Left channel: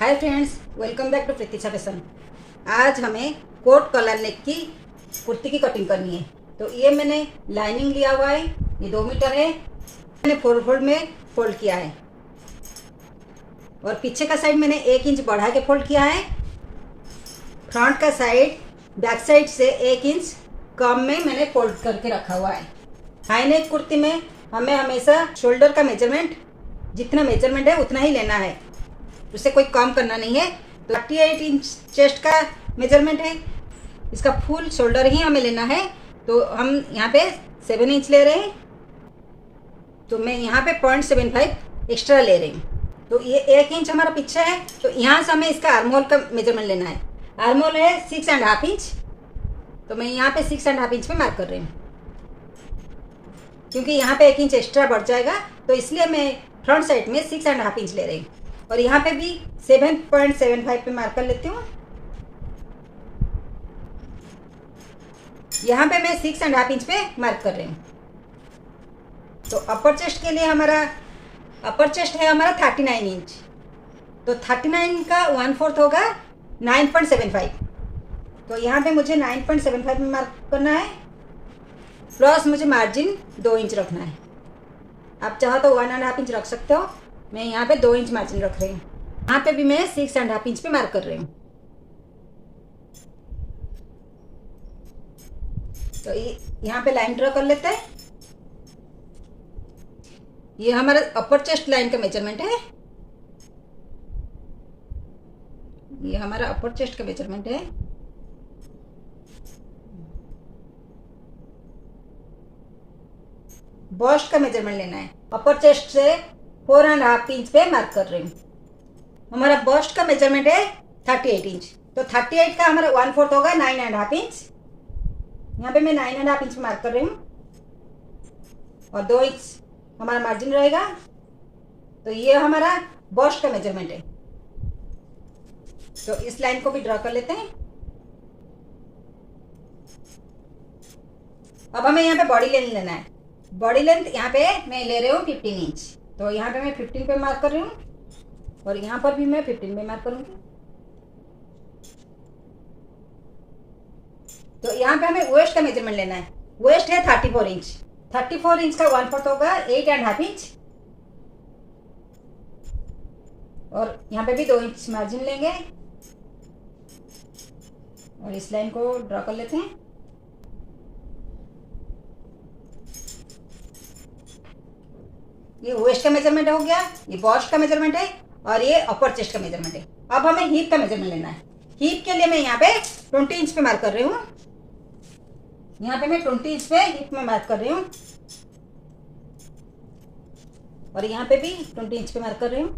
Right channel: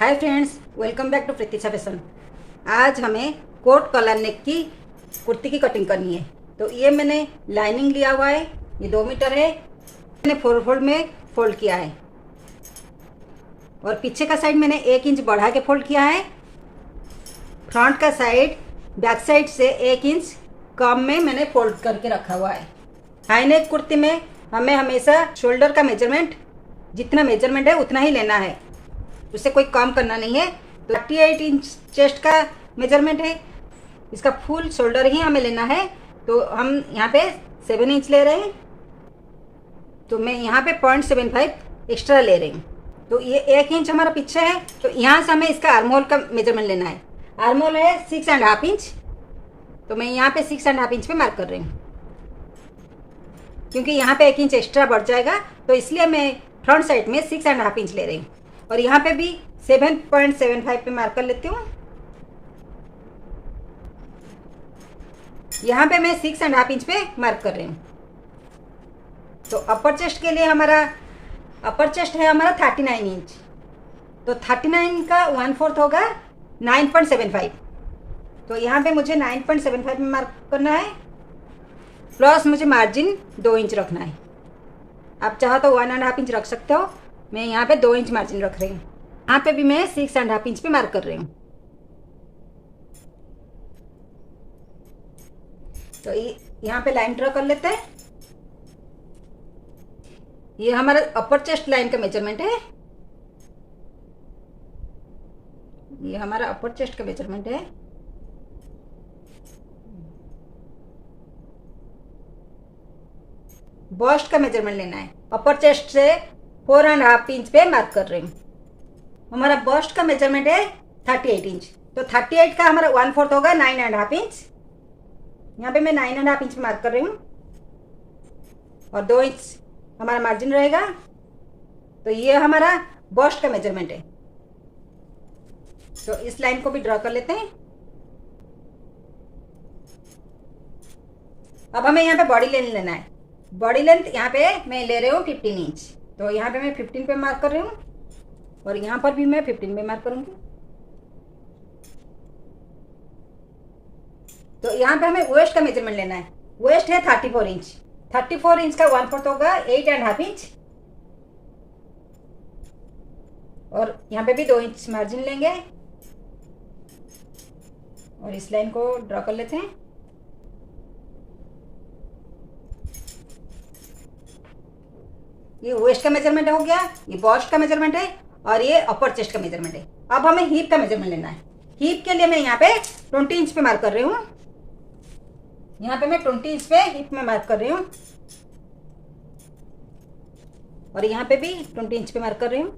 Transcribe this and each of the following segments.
Hi friends, welcome back to Pratiksha fashion. आज हमें coat collar नेक की कुर्ती की कटिंग करनी है। तो ये मैंने लाइनिंग लिया हुआ है, ये 2 मीटर है। मैंने 4 फोल्ड में फोल्ड किया है और पीछे का साइड मैंने 1 इंच बढ़ा के फोल्ड किया है। फ्रंट का साइड बैक साइड से 1 इंच कम में मैंने फोल्ड करके रखा हुआ है। हाई नेक कुर्ती में हमें हमेशा शोल्डर का मेजरमेंट जितना मेजरमेंट है उतना ही लेना है, उससे कोई काम करना नहीं है। तो 38 इंच चेस्ट का मेजरमेंट है, इसका फुल शोल्डर ही हमें लेना है। तो हम यहाँ पे 7 इंच ले रहे हैं, तो मैं यहाँ पे 0.75 एक्स्ट्रा ले रही हूँ। तो ये 1 इंच हमारा पीछे है, तो यहाँ से हमें इसका आर्महोल का मेजरमेंट लेना है। आर्महोल है 6.5 इंच, तो मैं यहाँ पे 6.5 इंच पे मार्क कर रही हूँ, क्योंकि यहाँ पे 1 इंच एक्स्ट्रा बढ़ जाएगा, तो इसलिए मैं फ्रंट साइड में 6.5 इंच ले रही हूँ। और यहाँ पे भी 7.75 पे मार्क कर लेती हूँ। यहाँ पे मैं 6.5 इंच पे मार्क कर रही हूँ। तो अपर चेस्ट के लिए हमारा अपर चेस्ट है हमारा 39 इंच, तो 39 का 1/4 होगा 9.75। तो यहाँ पे मुझे 9.75 में मार्क करना है, प्लस मुझे मार्जिन 2 इंच रखना है। आप चाहो तो 1.5 इंच रख सकते हो, मैं यहाँ पे 2 इंच मार्जिन रख रही हूँ। यहाँ पे भी मैं 6.5 इंच पे मार्क कर रही हूँ। तो यहाँ पे लाइन ड्रॉ कर लेते हैं। ये हमारा अपर चेस्ट लाइन का मेजरमेंट है, ये हमारा अपर चेस्ट का मेजरमेंट है। बस्ट का मेजरमेंट लेना है, अपर चेस्ट से 4.5 इंच पे मार्क कर रही हूँ। हमारा बस्ट का मेजरमेंट है 38 इंच, तो 38 का हमारा 1/4 होगा 9.5 इंच। यहाँ पे मैं 9.5 इंच मार्क कर रही हूँ और 2 इंच हमारा मार्जिन रहेगा। तो ये हमारा बस्ट का मेजरमेंट है, तो इस लाइन को भी ड्रॉ कर लेते हैं। अब हमें यहाँ पे बॉडी लेंथ लेना है। बॉडी लेंथ यहाँ पे मैं ले रही हूँ 15 इंच, तो यहाँ पे मैं 15 पे मार्क कर रही हूँ और यहाँ पर भी मैं 15 पे मार्क करूंगी। तो यहाँ पे हमें वेस्ट का मेजरमेंट लेना है। वेस्ट है 34 इंच, 34 इंच का 1/4 होगा 8.5 इंच। और यहाँ पे भी 2 इंच मार्जिन लेंगे और इस लाइन को ड्रॉ कर लेते हैं। ये वेस्ट का मेजरमेंट हो गया, ये बस्ट का मेजरमेंट है और ये अपर चेस्ट का मेजरमेंट है। अब हमें हिप का मेजरमेंट लेना है। हिप के लिए मैं यहाँ पे 20 इंच पे मार्क कर रही हूँ। यहाँ पे मैं 20 इंच पे हिप में मार्क कर रही हूँ और यहाँ पे भी 20 इंच पे मार्क कर रही हूँ।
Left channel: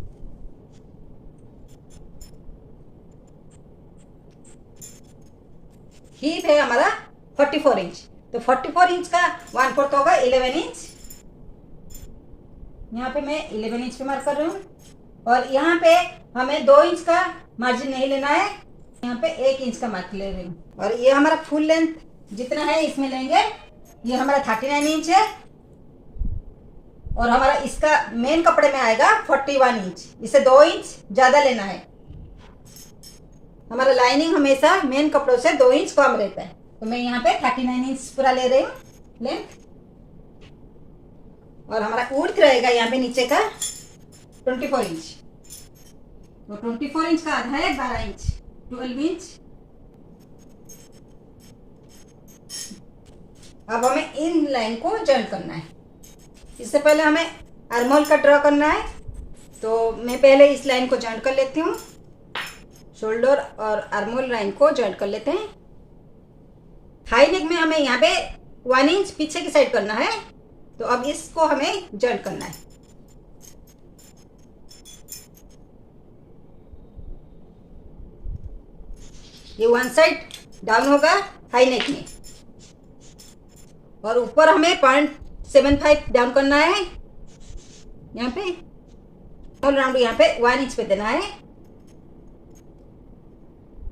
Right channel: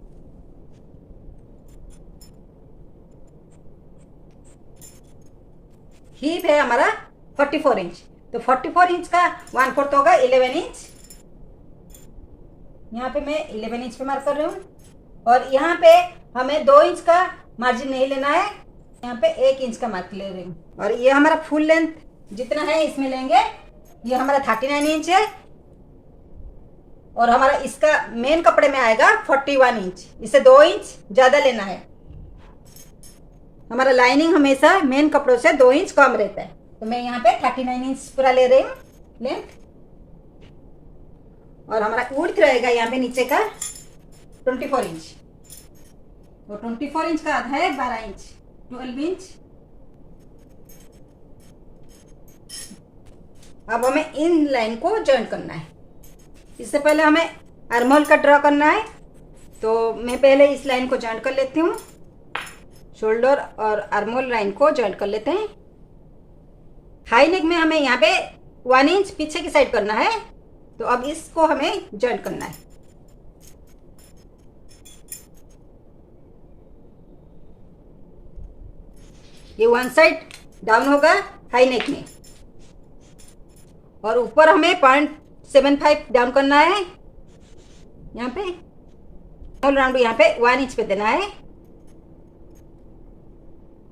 हिप है हमारा 44 इंच, तो 44 इंच का 1/4 होगा 11 इंच। यहाँ पे मैं 11 इंच पे मार्क कर रही हूँ और यहाँ पे हमें 2 इंच का मार्जिन नहीं लेना है, यहाँ पे 1 इंच का मार्क ले रही हूँ। और ये हमारा फुल लेंथ जितना है इसमें लेंगे। ये हमारा 39 इंच है और हमारा इसका मेन कपड़े में आएगा 41 इंच, इसे 2 इंच ज्यादा लेना है। हमारा लाइनिंग हमेशा मेन कपड़ों से 2 इंच कम रहता है, तो मैं यहाँ पे 39 इंच पूरा ले रही हूँ लेंथ। और हमारा उर्थ रहेगा यहाँ पे नीचे का 24 इंच, तो 24 इंच का आधा है 12 इंच, 12 इंच। अब हमें इन लाइन को जॉइन करना है। इससे पहले हमें आर्महोल का ड्रॉ करना है, तो मैं पहले इस लाइन को जॉइन कर लेती हूँ। शोल्डर और आर्महोल लाइन को जॉइन कर लेते हैं। हाई नेक में हमें यहाँ पे 1 इंच पीछे की साइड करना है, तो अब इसको हमें जॉइन करना है। ये 1 साइड डाउन होगा हाई नेक में और ऊपर हमें 0.75 डाउन करना है। यहाँ पे ऑल राउंड यहाँ पे 1 इंच पे देना है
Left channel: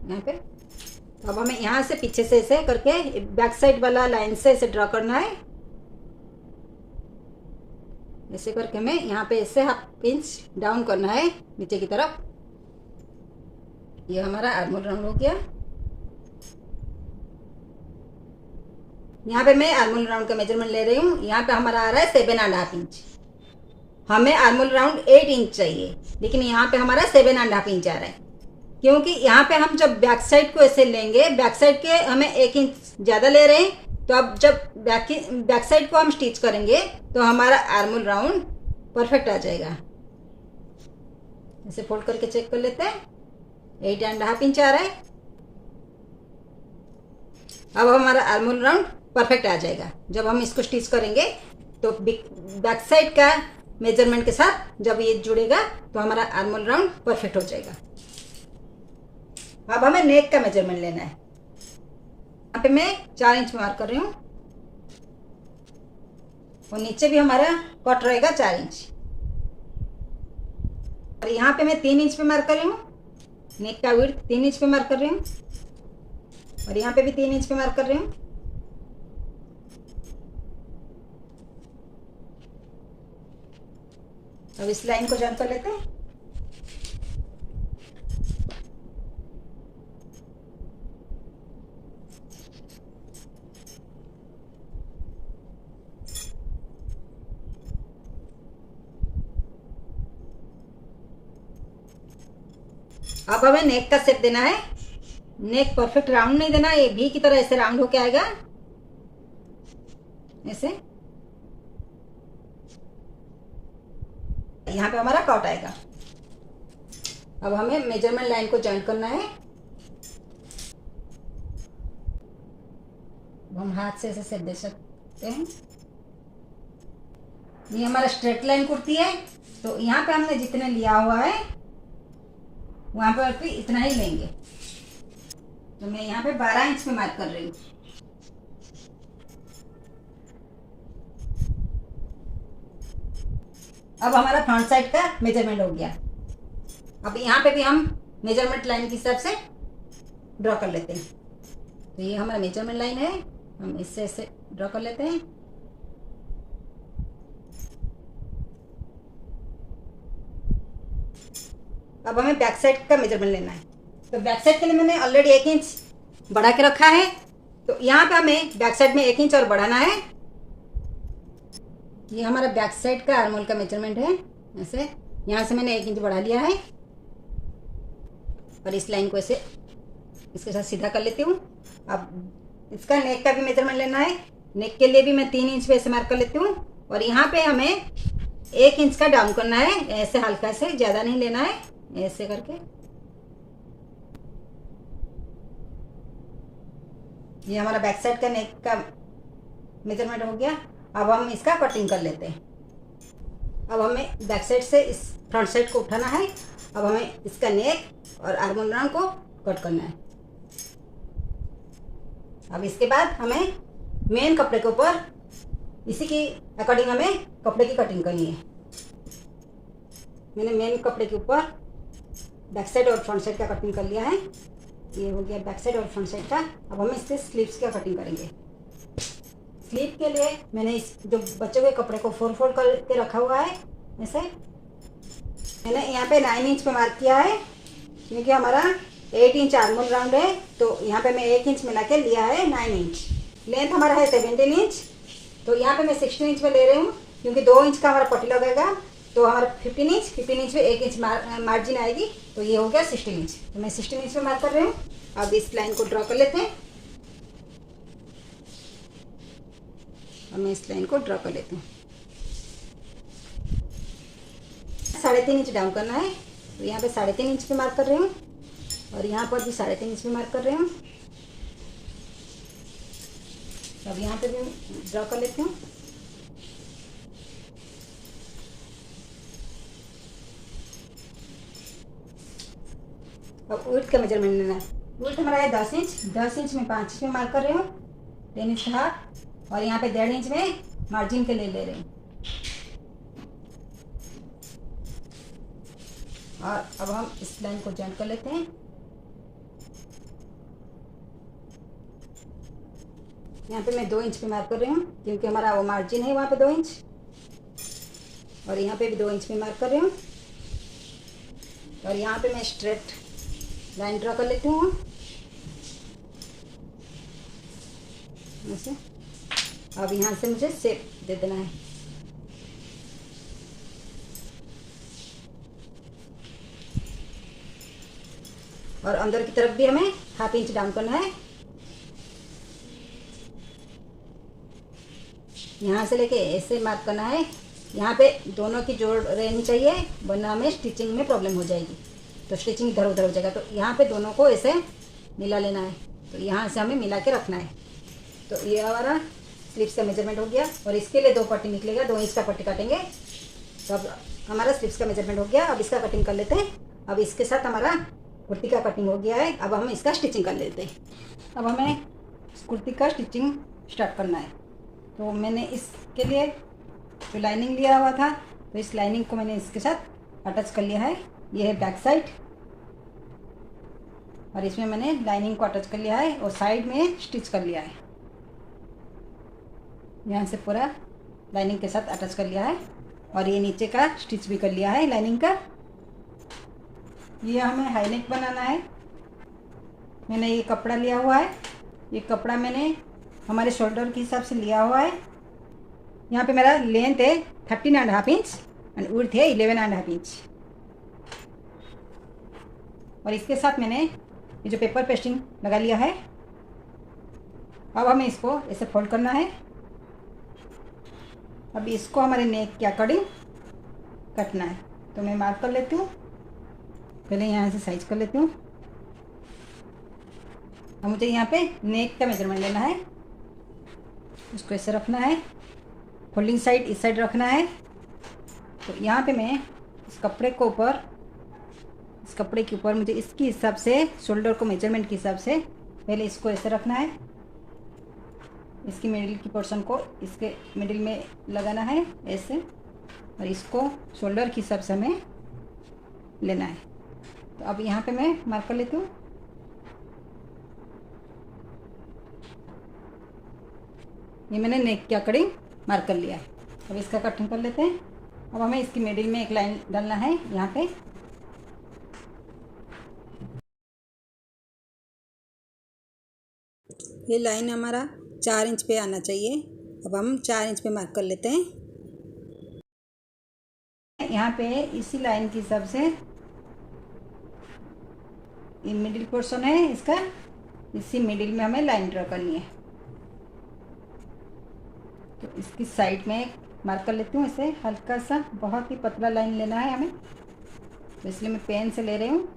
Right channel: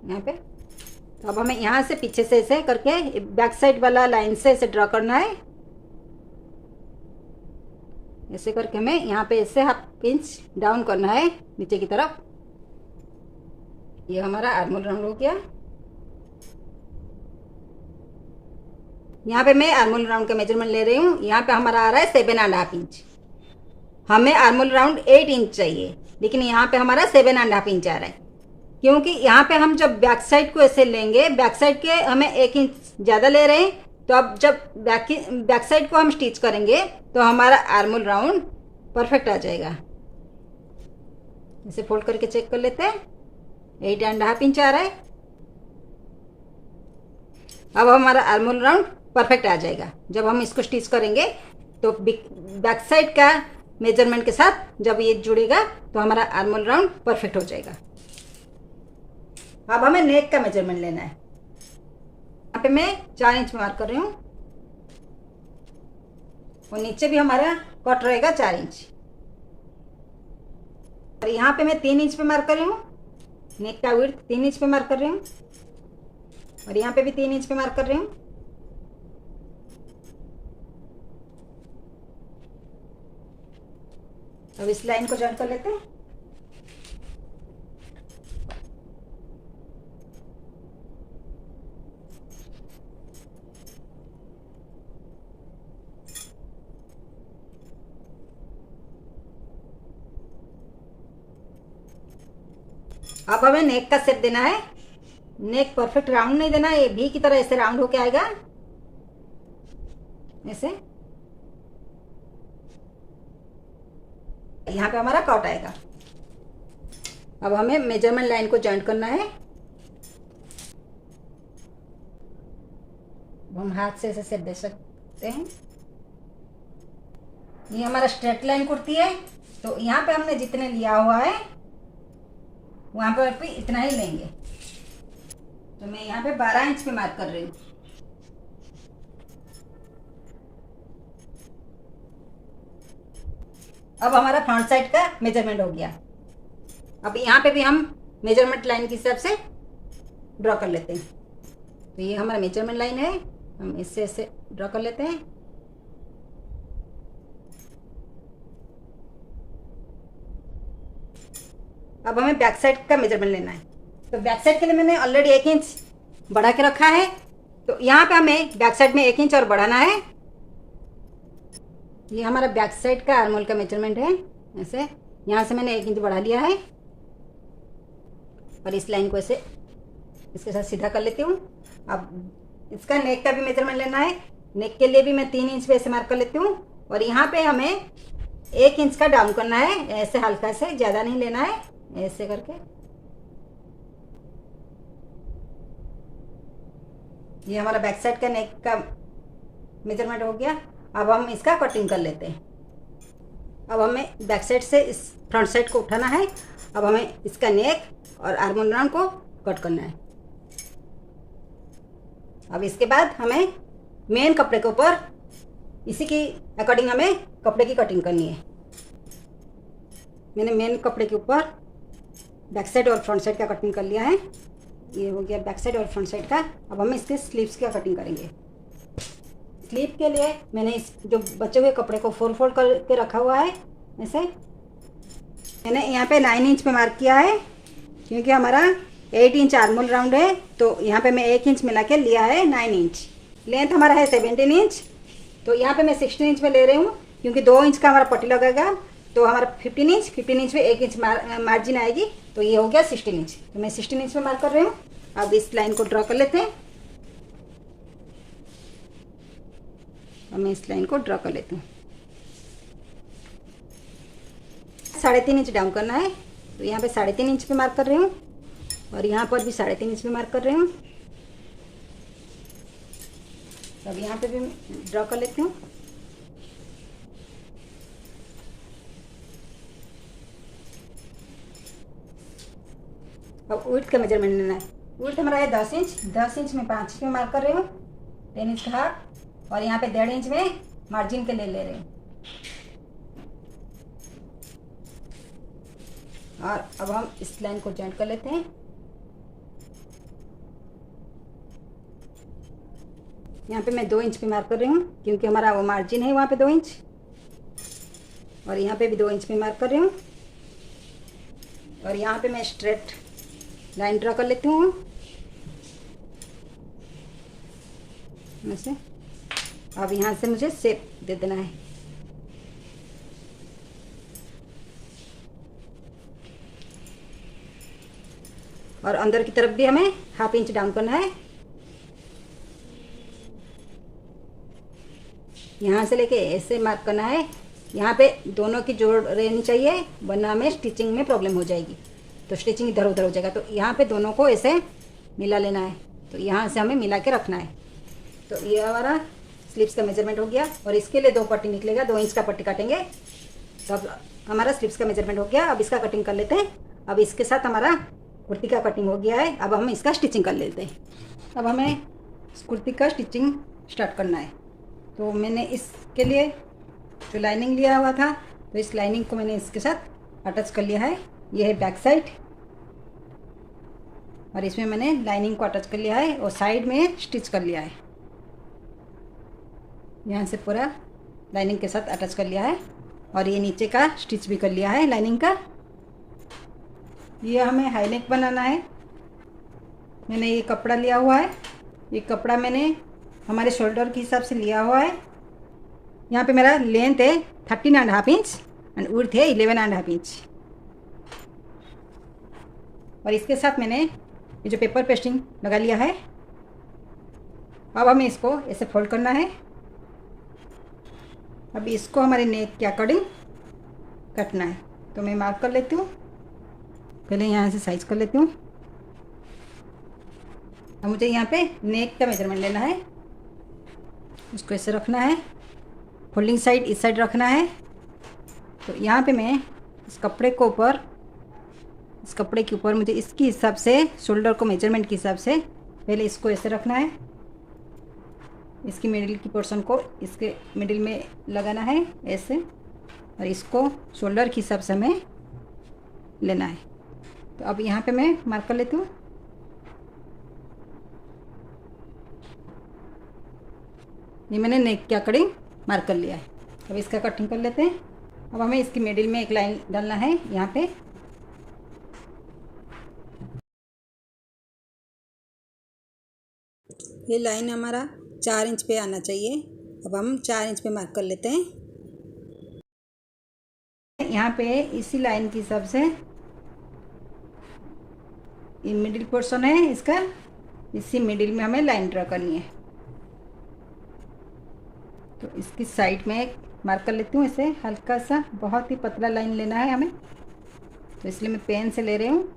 यहाँ पे। तो अब हमें यहाँ से पीछे से ऐसे करके बैक साइड वाला लाइन से ऐसे ड्रॉ करना है। ऐसे करके हमें यहाँ पे ऐसे 1/2 इंच डाउन करना है नीचे की तरफ। ये हमारा आर्मोल राउंड हो गया। यहाँ पे मैं आर्मोल राउंड का मेजरमेंट ले रही हूँ। यहाँ पे हमारा आ रहा है 7.5 इंच। हमें आर्मोल राउंड 8 इंच चाहिए, लेकिन यहाँ पे हमारा 7.5 इंच आ रहा है, क्योंकि यहाँ पे हम जब बैक साइड को ऐसे लेंगे, बैक साइड के हमें 1 इंच ज़्यादा ले रहे हैं। तो अब जब बैक साइड को हम स्टिच करेंगे तो हमारा आर्मोल राउंड परफेक्ट आ जाएगा। इसे फोल्ड करके चेक कर लेते हैं। 8.5 इंच आ रहा है। अब हमारा आर्मोल राउंड परफेक्ट आ जाएगा। जब हम इसको स्टिच करेंगे तो बैक साइड का मेजरमेंट के साथ जब ये जुड़ेगा तो हमारा आर्मोल राउंड परफेक्ट हो जाएगा। अब हमें नेक का मेजरमेंट लेना है। यहाँ पे मैं 4 इंच मार्क कर रही हूँ और नीचे भी हमारा कट रहेगा 4 इंच। और यहाँ पे मैं 3 इंच पे मार्क कर रही हूँ। नेक का विड्थ 3 इंच पे मार्क कर रही हूँ और यहाँ पे भी 3 इंच पे मार्क कर रही हूँ। अब इस लाइन को जॉइन कर लेते हैं। अब हमें नेक का शेप देना है। नेक परफेक्ट राउंड नहीं देना, ये भी की तरह ऐसे राउंड होके आएगा ऐसे। यहाँ पे हमारा कट आएगा। अब हमें मेजरमेंट लाइन को जॉइन करना है। हम हाथ से ऐसे शेप दे सकते हैं। ये हमारा स्ट्रेट लाइन कुर्ती है, तो यहाँ पे हमने जितने लिया हुआ है वहां पर भी इतना ही लेंगे। तो मैं यहाँ पे 12 इंच पे मार्क कर रही हूँ। अब हमारा फ्रंट साइड का मेजरमेंट हो गया। अब यहाँ पे भी हम मेजरमेंट लाइन के हिसाब से ड्रॉ कर लेते हैं। तो ये हमारा मेजरमेंट लाइन है, हम इससे ऐसे ड्रॉ कर लेते हैं। अब हमें बैक साइड का मेजरमेंट लेना है। तो बैक साइड के लिए मैंने ऑलरेडी 1 इंच बढ़ा के रखा है। तो यहाँ पे हमें बैक साइड में 1 इंच और बढ़ाना है। ये हमारा बैक साइड का आर्मोल का मेजरमेंट है। ऐसे यहाँ से मैंने 1 इंच बढ़ा लिया है और इस लाइन को ऐसे इसके साथ सीधा कर लेती हूँ। अब इसका नेक का भी मेजरमेंट लेना है। नेक के लिए भी मैं 3 इंच पे ऐसे मार्क कर लेती हूँ और यहाँ पे हमें 1 इंच का डाउन करना है। ऐसे हल्का से, ज़्यादा नहीं लेना है, ऐसे करके। ये हमारा बैक साइड का नेक का मेजरमेंट हो गया। अब हम इसका कटिंग कर लेते हैं। अब हमें बैक साइड से इस फ्रंट साइड को उठाना है। अब हमें इसका नेक और आर्मोल राउंड को कट करना है। अब इसके बाद हमें मेन कपड़े के ऊपर इसी की अकॉर्डिंग हमें कपड़े की कटिंग करनी है। मैंने मेन कपड़े के ऊपर बैक साइड और फ्रंट साइड का कटिंग कर लिया है। ये हो गया बैक साइड और फ्रंट साइड का। अब हम इसके स्लीव्स का कटिंग करेंगे। स्लीव के लिए मैंने इस जो बचे हुए कपड़े को फोल्ड करके रखा हुआ है ऐसे। मैंने यहाँ पे 9 इंच पे मार्क किया है, क्योंकि हमारा 8 इंच आर्मोल राउंड है। तो यहाँ पे मैं 1 इंच मिला के लिया है 9 इंच। लेंथ हमारा है 17 इंच। तो यहाँ पे मैं 16 इंच में ले रही हूँ, क्योंकि 2 इंच का हमारा पट्टी लगेगा। तो हमारा 15 इंच में 1 इंच मार्जिन आएगी। तो ये हो गया 16 इंच। तो मैं 16 इंच में मार्क कर रही हूँ। अब इस लाइन को ड्रॉ कर लेते हैं। अब मैं इस लाइन को ड्रॉ कर लेती हूँ। 3.5 इंच डाउन करना है। तो यहाँ पे 3.5 इंच पे मार्क कर रही हूँ और यहाँ पर भी 3.5 इंच पे मार्क कर रही हूँ। तो अब यहाँ पे भी ड्रॉ कर लेती हूँ। और विड्थ का मेजरमेंट लेना है। विड्थ हमारा है 10 इंच। 10 इंच में 5 इंच में मार्क कर रही हूँ, 10 इंच का हाफ। और यहाँ पे 1.5 इंच में मार्जिन के लिए ले रही हूँ। और अब हम इस लाइन को जॉइन कर लेते हैं। यहाँ पे मैं 2 इंच पे मार्क कर रही हूँ, क्योंकि हमारा वो मार्जिन है वहाँ पे 2 इंच। और यहाँ पे भी 2 इंच पे मार्क कर रही हूँ। और यहाँ पे मैं स्ट्रेट लाइन ड्रा कर लेती हूँ ऐसे। अब यहाँ से मुझे शेप दे देना है। और अंदर की तरफ भी हमें 1/2 इंच डाउन करना है। यहाँ से लेके ऐसे मार्क करना है। यहाँ पे दोनों की जोड़ रहनी चाहिए, वरना हमें स्टिचिंग में प्रॉब्लम हो जाएगी, तो स्टिचिंग इधर उधर हो जाएगा। तो यहाँ पे दोनों को ऐसे मिला लेना है। तो यहाँ से हमें मिला के रखना है। तो ये हमारा स्लीव्स का मेजरमेंट हो गया। और इसके लिए 2 पट्टी निकलेगा, 2 इंच का पट्टी काटेंगे। तब हमारा स्लीव्स का मेजरमेंट हो गया। अब इसका कटिंग कर लेते हैं। अब इसके साथ हमारा कुर्ती का कटिंग हो गया है। अब हम इसका स्टिचिंग कर लेते हैं। अब हमें कुर्ती का स्टिचिंग स्टार्ट करना है। तो मैंने इसके लिए जो लाइनिंग लिया हुआ था, तो इस लाइनिंग को मैंने इसके साथ अटैच कर लिया है। ये है बैक साइड, और इसमें मैंने लाइनिंग को अटैच कर लिया है और साइड में स्टिच कर लिया है। यहाँ से पूरा लाइनिंग के साथ अटैच कर लिया है। और ये नीचे का स्टिच भी कर लिया है लाइनिंग का। ये हमें हाई नेक बनाना है। मैंने ये कपड़ा लिया हुआ है। ये कपड़ा मैंने हमारे शोल्डर के हिसाब से लिया हुआ है। यहाँ पे मेरा लेंथ है 13.5 इंच एंड विड्थ है 11.5 इंच। और इसके साथ मैंने ये जो पेपर पेस्टिंग लगा लिया है। अब हमें इसको ऐसे फोल्ड करना है। अब इसको हमारे नेक के अकॉर्डिंग कटना है। तो मैं मार्क कर लेती हूँ, पहले यहाँ से साइज कर लेती हूँ। अब मुझे यहाँ पे नेक का मेजरमेंट लेना है। इसको ऐसे रखना है, फोल्डिंग साइड इस साइड रखना है। तो यहाँ पे मैं इस कपड़े के ऊपर मुझे इसके हिसाब से, शोल्डर को मेजरमेंट के हिसाब से पहले इसको ऐसे रखना है। इसकी मिडिल की पोर्शन को इसके मिडिल में लगाना है ऐसे, और इसको शोल्डर के हिसाब से हमें लेना है। तो अब यहाँ पे मैं मार्क कर लेती हूँ। ये मैंने नेक के अकॉर्डिंग मार्क कर लिया है। अब इसका कटिंग कर लेते हैं। अब हमें इसकी मिडिल में एक लाइन डालना है यहाँ पे। ये लाइन हमारा 4 इंच पे आना चाहिए। अब हम 4 इंच पे मार्क कर लेते हैं। यहाँ पे इसी लाइन के हिसाब से ये मिडिल पोर्शन है इसका, इसी मिडिल में हमें लाइन ड्रा करनी है। तो इसकी साइड में मार्क कर लेती हूँ ऐसे हल्का सा, बहुत ही पतला लाइन लेना है हमें, तो इसलिए मैं पेन से ले रही हूँ।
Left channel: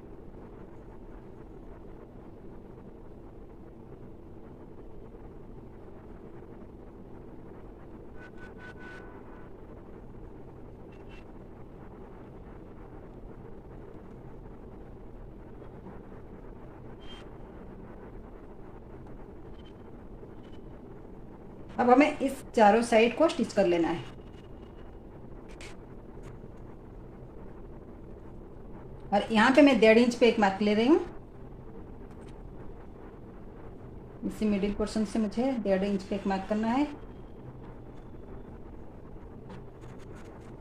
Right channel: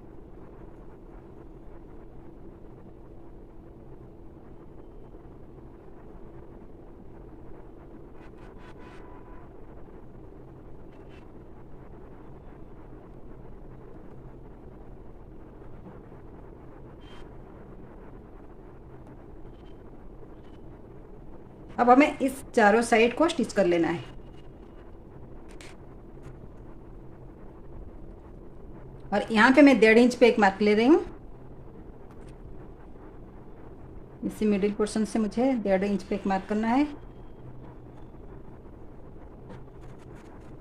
अब हमें इस चारों साइड को स्टिच कर लेना है। और यहाँ पे मैं 1.5 इंच पे एक मार्क ले रही हूँ। इसी मिडिल पोर्शन से मुझे 1.5 इंच पे एक मार्क करना है,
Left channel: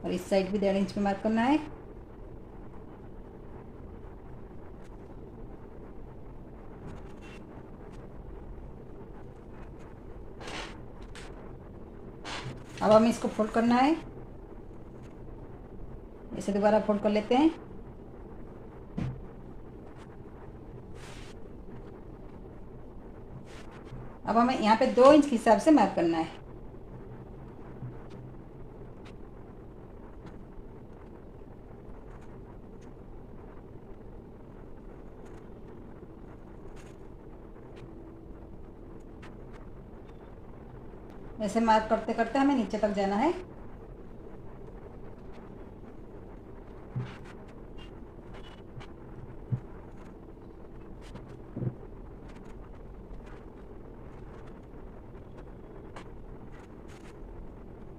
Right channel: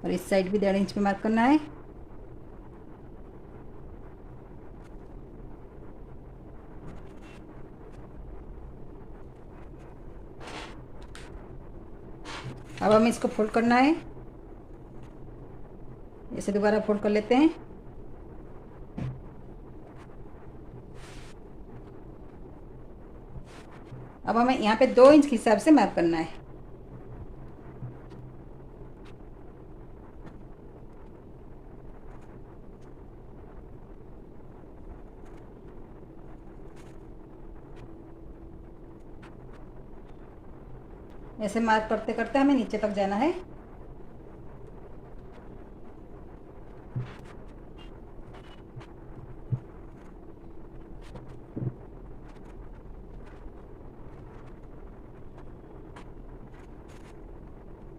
और इस साइड भी 1.5 इंच पे मार्क करना है। अब हमें इसको फोल्ड करना है, इसे दोबारा फोल्ड कर लेते हैं। अब हमें यहाँ पे 2 इंच के हिसाब से मार्क करना है। ऐसे मार्क करते करते हमें नीचे तक जाना है।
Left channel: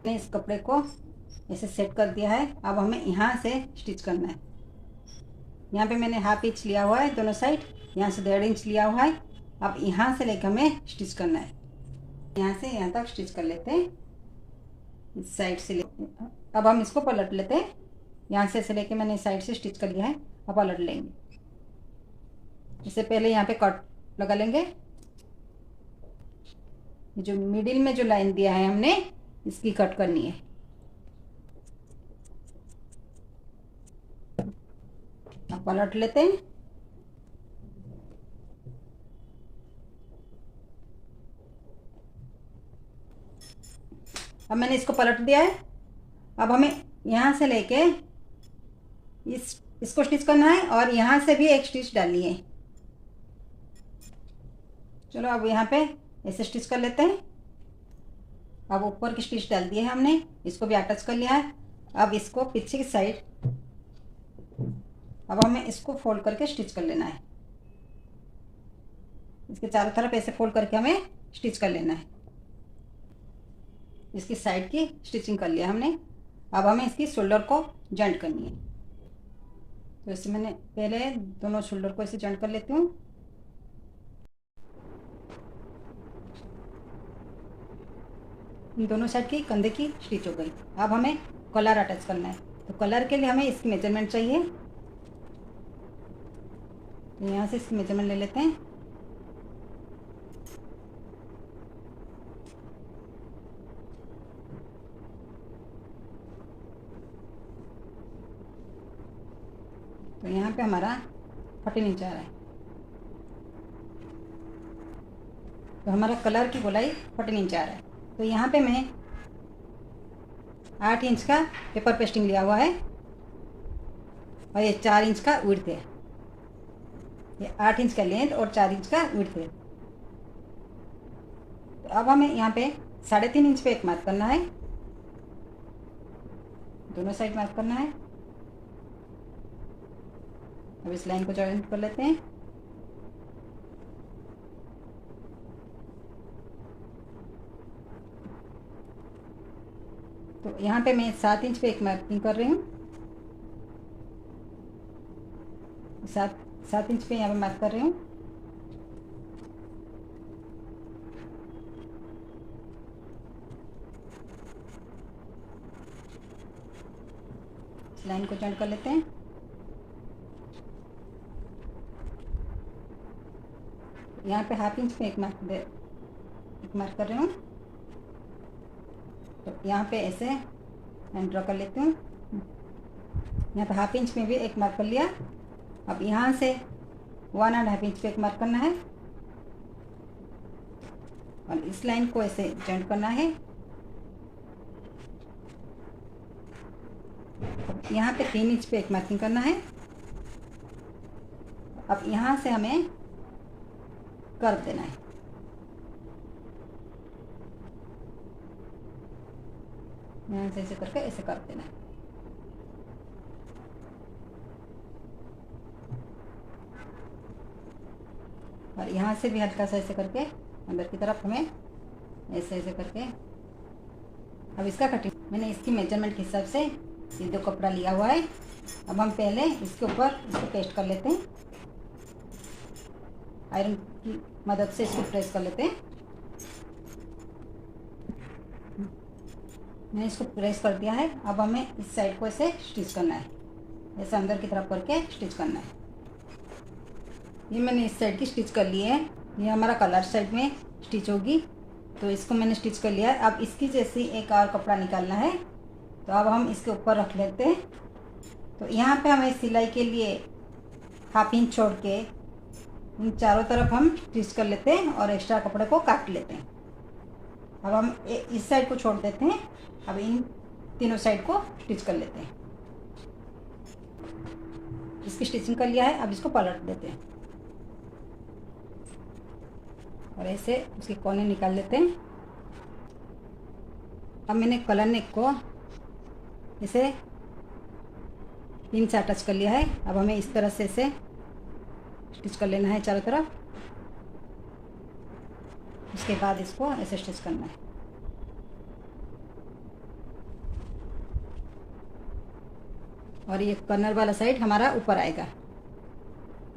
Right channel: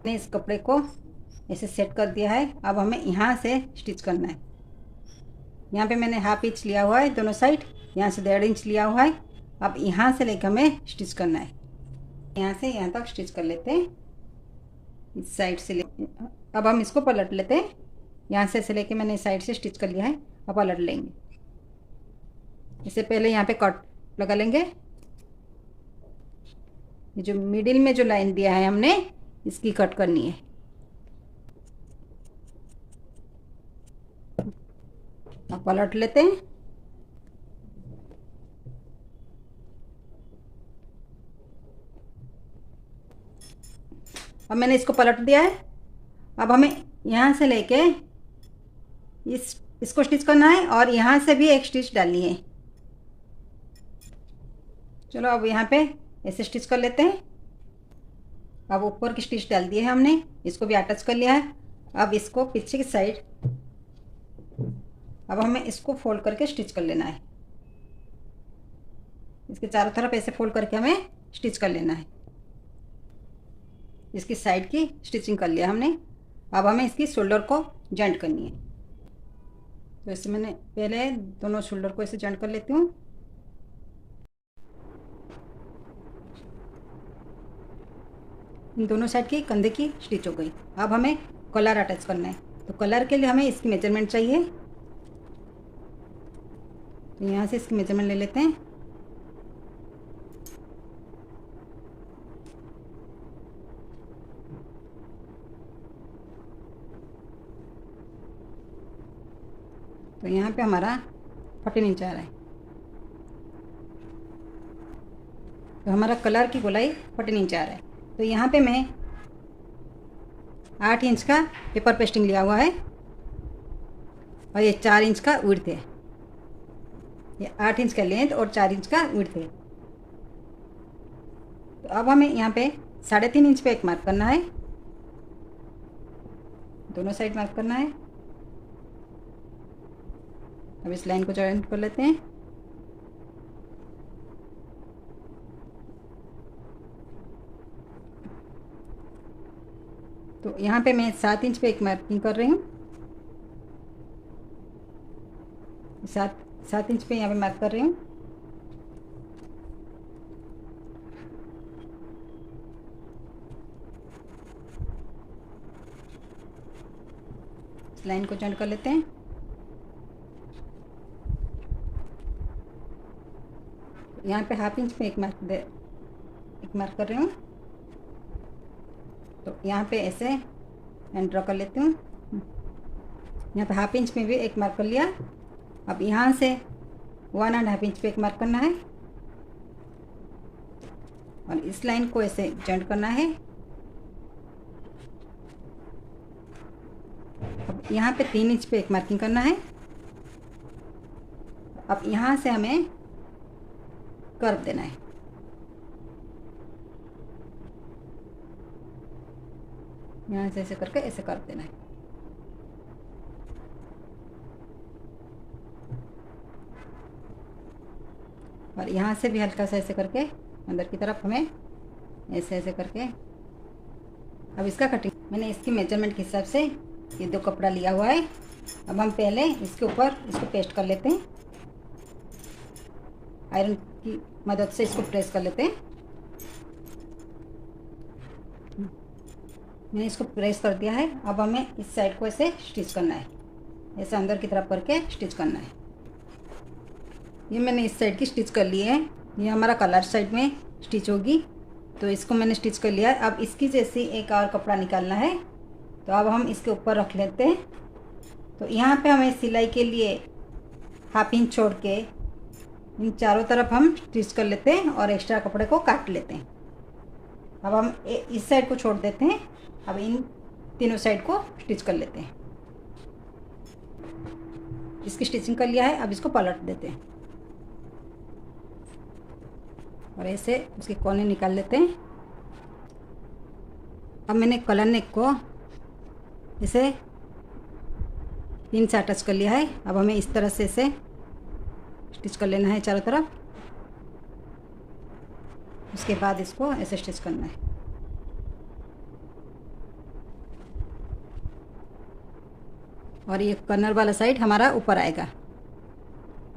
इस कपड़े को ऐसे सेट कर दिया है। अब हमें यहाँ से स्टिच करना है। यहाँ पे मैंने 1/2 इंच लिया हुआ है दोनों साइड, यहाँ से 1.5 इंच लिया हुआ है। अब यहाँ से लेकर हमें स्टिच करना है। यहाँ से यहाँ तक स्टिच कर लेते हैं, इस साइड से ले। अब हम इसको पलट लेते हैं। यहाँ से लेके मैंने इस साइड से स्टिच कर लिया है, अब पलट लेंगे। इससे पहले यहाँ पे कट लगा लेंगे। ये जो मिडिल में जो लाइन दिया है हमने, इसकी कट करनी है। अब पलट लेते हैं। अब मैंने इसको पलट दिया है। अब हमें यहाँ से लेके इसको स्टिच करना है और यहाँ से भी एक स्टिच डालनी है। चलो अब यहाँ पे ऐसे स्टिच कर लेते हैं। अब ऊपर की स्टिच डाल दी है हमने, इसको भी अटैच कर लिया है। अब इसको पीछे की साइड, अब हमें इसको फोल्ड करके स्टिच कर लेना है। इसके चारों तरफ ऐसे फोल्ड करके हमें स्टिच कर लेना है। इसकी साइड की स्टिचिंग कर लिया हमने। अब हमें इसकी शोल्डर को जॉइंट करनी है। तो इससे मैंने पहले दोनों शोल्डर को ऐसे जॉइंट कर लेती हूँ। इन दोनों साइड की कंधे की स्टिच हो गई। अब हमें कलर अटैच करना है। तो कलर के लिए हमें इसकी मेजरमेंट चाहिए। तो यहाँ से इसकी मेजरमेंट ले लेते हैं। तो यहाँ पे हमारा 14 इंच आ रहा है। तो हमारा कलर की गोलाई 14 इंच आ रहा है। तो यहाँ पे मैं 8 इंच का पेपर पेस्टिंग लिया हुआ है और ये 4 इंच का विड्थ है। ये 8 इंच का लेंथ और 4 इंच का विड्थ है। तो अब हमें यहाँ पे 3.5 इंच पे एक मार्क करना है। दोनों साइड मार्क करना है। अब इस लाइन को जॉइंट कर लेते हैं। तो यहाँ पे मैं 7 इंच पे एक मार्किंग कर रही हूँ। 7 इंच पे यहाँ पे मार्क कर रही हूँ। इस लाइन को जॉइंट कर लेते हैं। यहाँ पे 1/2 इंच पे एक मार्क कर रही हूँ। तो यहाँ पे ऐसे एंड ड्रॉ कर लेती हूँ। यहाँ पे 1/2 इंच में भी एक मार्क कर लिया। अब यहाँ से 1.5 इंच पे एक मार्क करना है और इस लाइन को ऐसे जॉइंट करना है। अब यहाँ पे 3 इंच पे एक मार्किंग करना है। अब यहाँ से हमें कर्व देना है। यहाँ से ऐसे करके ऐसे कर्व देना है। और यहाँ से भी हल्का सा ऐसे करके अंदर की तरफ हमें ऐसे ऐसे करके। अब इसका कटिंग मैंने इसकी मेजरमेंट के हिसाब से ये 2 कपड़ा लिया हुआ है। अब हम पहले इसके ऊपर इसको पेस्ट कर लेते हैं। आयरन की मदद से इसको प्रेस कर लेते हैं। मैंने इसको प्रेस कर दिया है। अब हमें इस साइड को ऐसे स्टिच करना है। ऐसे अंदर की तरफ करके स्टिच करना है। ये मैंने इस साइड की स्टिच कर ली है। ये हमारा कलर साइड में स्टिच होगी। तो इसको मैंने स्टिच कर लिया है। अब इसकी जैसी एक और कपड़ा निकालना है। तो अब हम इसके ऊपर रख लेते हैं। तो यहाँ पे हमें सिलाई के लिए 1/2 इंच छोड़ के इन चारों तरफ हम स्टिच कर लेते हैं और एक्स्ट्रा कपड़े को काट लेते हैं। अब हम इस साइड को छोड़ देते हैं। अब इन तीनों साइड को स्टिच कर लेते हैं। इसकी स्टिचिंग कर लिया है। अब इसको पलट देते हैं और ऐसे उसके कोने निकाल लेते हैं। अब मैंने कलर नेक को इसे पिन से अटैच कर लिया है। अब हमें इस तरह से इसे स्टिच कर लेना है चारों तरफ। उसके बाद इसको ऐसे स्टिच करना है। और ये कॉर्नर वाला साइड हमारा ऊपर आएगा।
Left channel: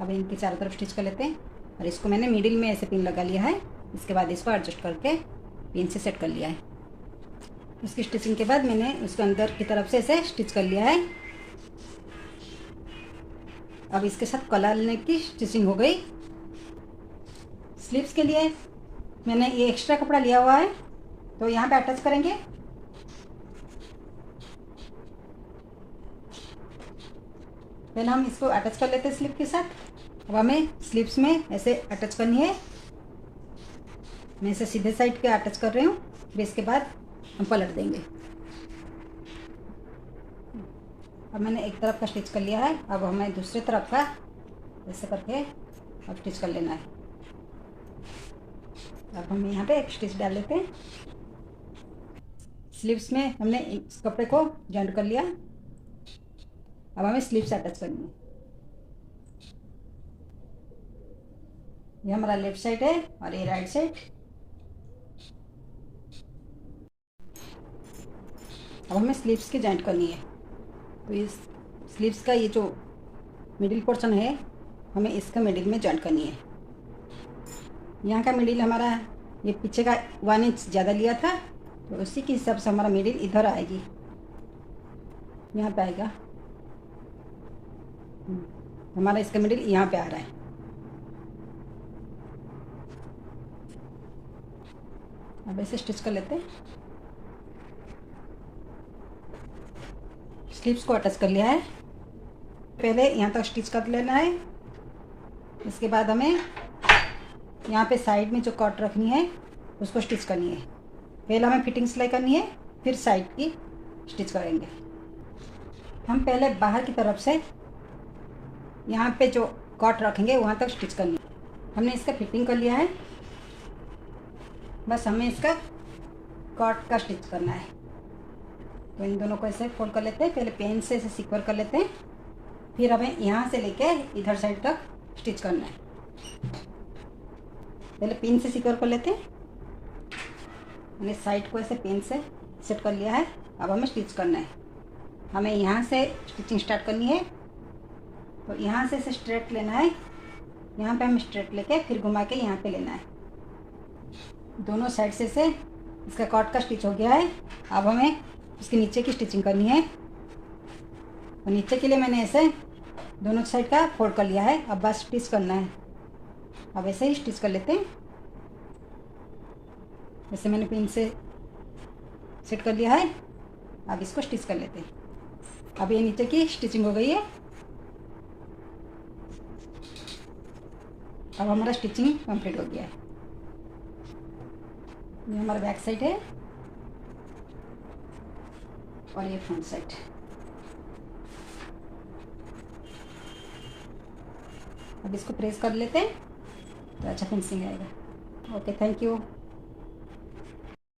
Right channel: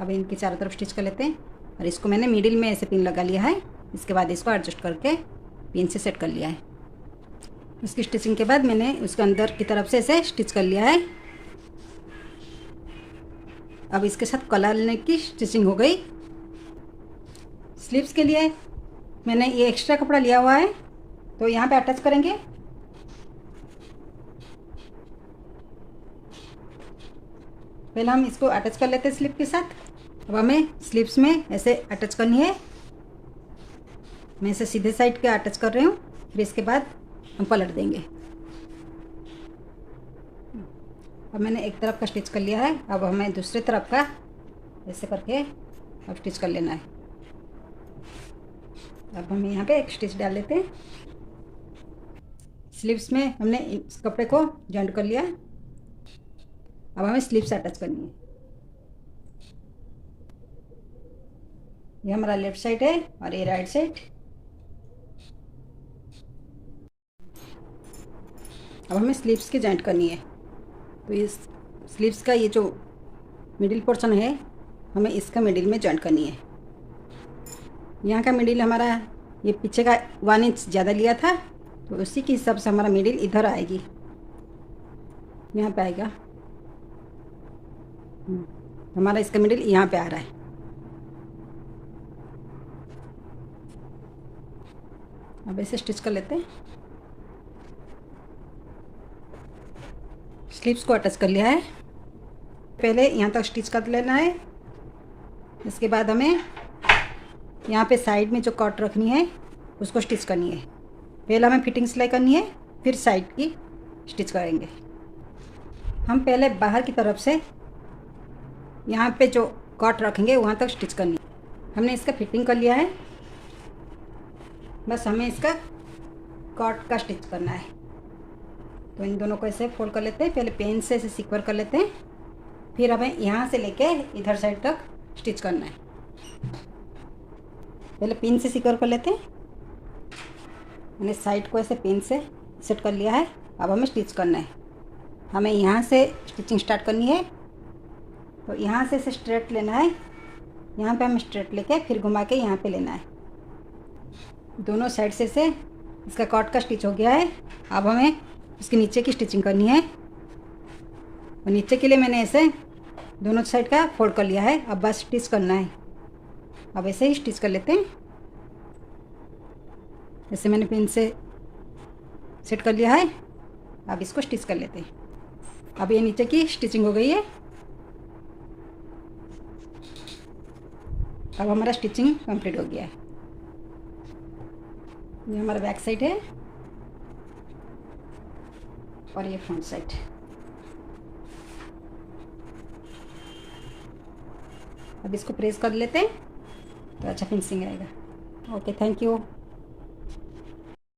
अब इनके चारों तरफ स्टिच कर लेते हैं और इसको मैंने मिडिल में ऐसे पिन लगा लिया है। इसके बाद इसको एडजस्ट करके पिन से सेट कर लिया है। उसकी स्टिचिंग के बाद मैंने उसके अंदर की तरफ से ऐसे स्टिच कर लिया है। अब इसके साथ कलर नेक की स्टिचिंग हो गई। स्लीव्स के लिए मैंने ये एक्स्ट्रा कपड़ा लिया हुआ है, तो यहाँ पे अटैच करेंगे। पहले हम इसको अटैच कर लेते हैं स्लीव के साथ। अब हमें स्लीव्स में ऐसे अटैच करनी है। मैं इसे सीधे साइड के अटैच कर रही हूँ, फिर इसके बाद हम पलट देंगे। अब मैंने एक तरफ का स्टिच कर लिया है, अब हमें दूसरी तरफ का ऐसे करके अब स्टिच कर लेना है। अब हम यहाँ पे एक स्टिच डाल लेते हैं। स्लीव्स में हमने इस कपड़े को जॉइंट कर लिया। अब हमें स्लीव्स अटैच करनी है। ये हमारा लेफ्ट साइड है और ये राइट साइड। अब हमें स्लीव्स की जॉइंट करनी है, तो इस स्लीव्स का ये जो मिडिल पोर्शन है हमें इसका मिडिल में जॉइंट करनी है। यहाँ का मिडिल हमारा ये पीछे का 1 इंच ज़्यादा लिया था, तो उसी के हिसाब से हमारा मिडिल इधर आएगी, यहाँ पे आएगा। हमारा इसका मिडिल यहाँ पे आ रहा है। अब ऐसे स्टिच कर लेते हैं। स्लीव्स को अटैच कर लिया है। पहले यहाँ तक स्टिच कर लेना है। इसके बाद हमें यहाँ पे साइड में जो कट रखनी है उसको स्टिच करनी है। पहले हमें फिटिंग सिलाई करनी है, फिर साइड की स्टिच करेंगे। हम पहले बाहर की तरफ से यहाँ पे जो कट रखेंगे वहाँ तक स्टिच करनी है। हमने इसका फिटिंग कर लिया है, बस हमें इसका कट का स्टिच करना है। तो इन दोनों को ऐसे फोल्ड कर लेते हैं। पहले पेन से ऐसे सिक्योर कर लेते हैं, फिर हमें यहाँ से लेके इधर साइड तक स्टिच करना है। पहले पिन से सिक्योर कर लेते हैं। मैंने साइड को ऐसे पिन से सेट कर लिया है। अब हमें स्टिच करना है। हमें यहाँ से स्टिचिंग स्टार्ट करनी है, तो यहाँ से इसे स्ट्रेट लेना है। यहाँ पे हम स्ट्रेट लेके फिर घुमा के यहाँ पे लेना है। दोनों साइड से इसका कट का स्टिच हो गया है। अब हमें इसके नीचे की स्टिचिंग करनी है। और नीचे के लिए मैंने ऐसे दोनों साइड का फोल्ड कर लिया है। अब बस स्टिच करना है। अब ऐसे ही स्टिच कर लेते हैं। जैसे मैंने पिन से सेट कर लिया है, अब इसको स्टिच कर लेते हैं। अब ये नीचे की स्टिचिंग हो गई है। अब हमारा स्टिचिंग कंप्लीट हो गया है। ये हमारा बैक साइड है और ये फ्रंट साइड। अब इसको प्रेस कर लेते हैं तो अच्छा फिनिशिंग आएगा। Okay, thank you.